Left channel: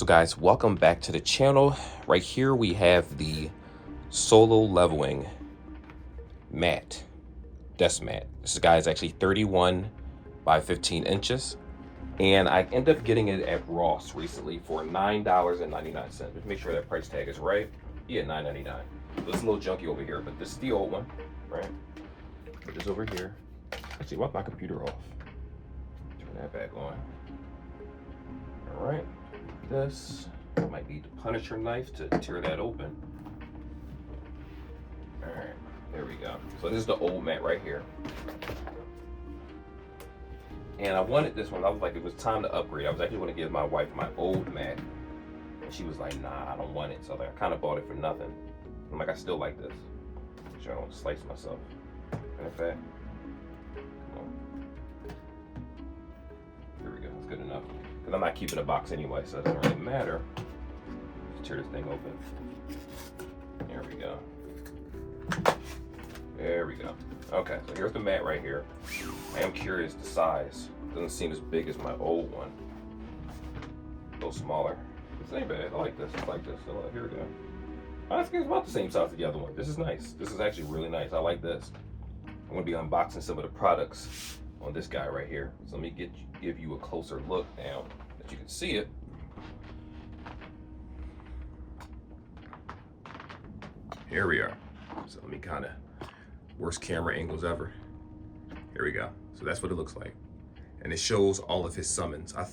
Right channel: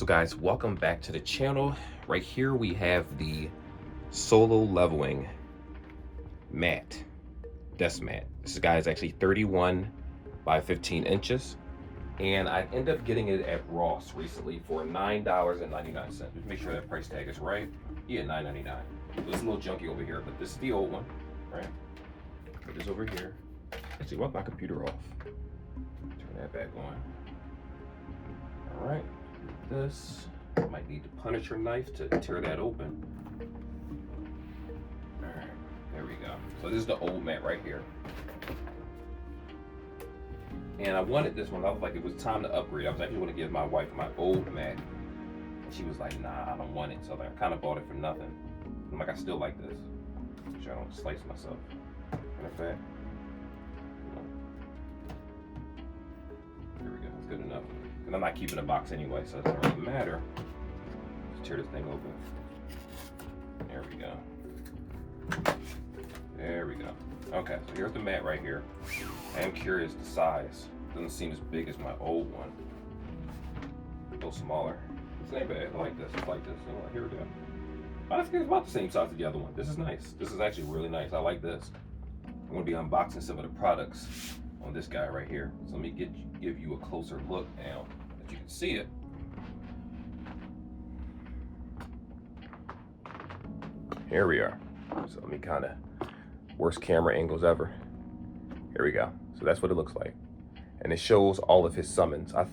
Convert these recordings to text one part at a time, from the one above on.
So guys, welcome back to the channel. Right here we have the Solo Leveling mat, desk mat. This guy is actually 31 by 15 inches. And I ended up getting it at Ross recently for $9.99. Just make sure that price tag is right. Yeah, $9.99. It's a little junky over here, but this is the old one, right? Put this over here. Actually, wipe my computer off. Turn that back on. All right. This might need the Punisher knife to tear that open. All right, there we go. So this is the old mat right here. And I wanted this one. I was like, it was time to upgrade. I was actually going to give my wife my old mat. And she was like, nah, I don't want it. So I kind of bought it for nothing. I'm like, I still like this. Make sure I don't slice myself. Matter of fact. There we go. That's good enough. Because I'm not keeping a box anyway, so it doesn't really matter. Let's tear this thing open. There we go. There we go. Okay, so here's the mat right here. I am curious the size. It doesn't seem as big as my old one. A little smaller. This ain't bad. I like this. I like this. So here we go. I think it's about the same size as the other one. This is nice. This is actually really nice. I like this. I'm going to be unboxing some of the products on this guy right here. So let me give you a closer look now that you can see it. Here we are. So let me kind of, worst camera angles ever. Here we go. So that's what it looks like. And it shows all of his summons. I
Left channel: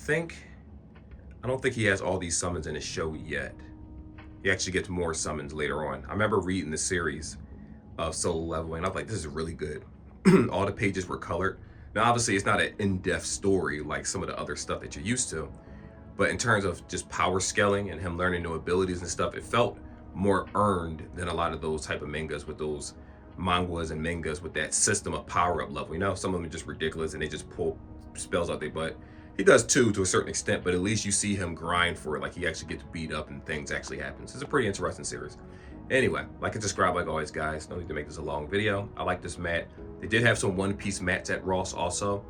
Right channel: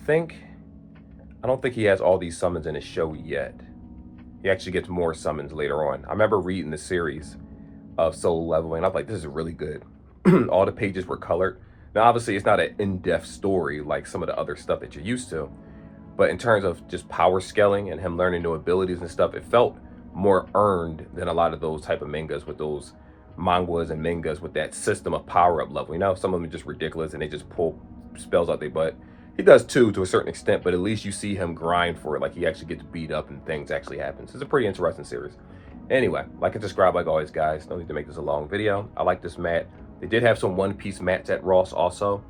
don't think he has all these summons in his show yet. He actually gets more summons later on. I remember reading the series of Solo Leveling. I was like, this is really good. All the pages were colored. Now, obviously, it's not an in-depth story like some of the other stuff that you're used to. But in terms of just power scaling and him learning new abilities and stuff, it felt more earned than a lot of those type of mangas with those mangas and mangas with that system of power-up level. You know, some of them are just ridiculous and they just pull spells out their butt. He does too, to a certain extent, but at least you see him grind for it, like he actually gets beat up and things actually happen. So it's a pretty interesting series. Anyway, like and subscribe like always, guys. No need to make this a long video. I like this mat. They did have some one-piece mats at Ross also.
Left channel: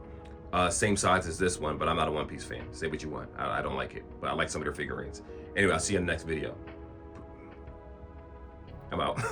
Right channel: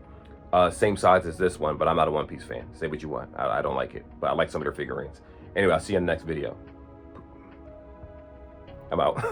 Same size as this one, but I'm not a one-piece fan. Say what you want. I don't like it, but I like some of their figurines. Anyway, I'll see you in the next video. I'm out.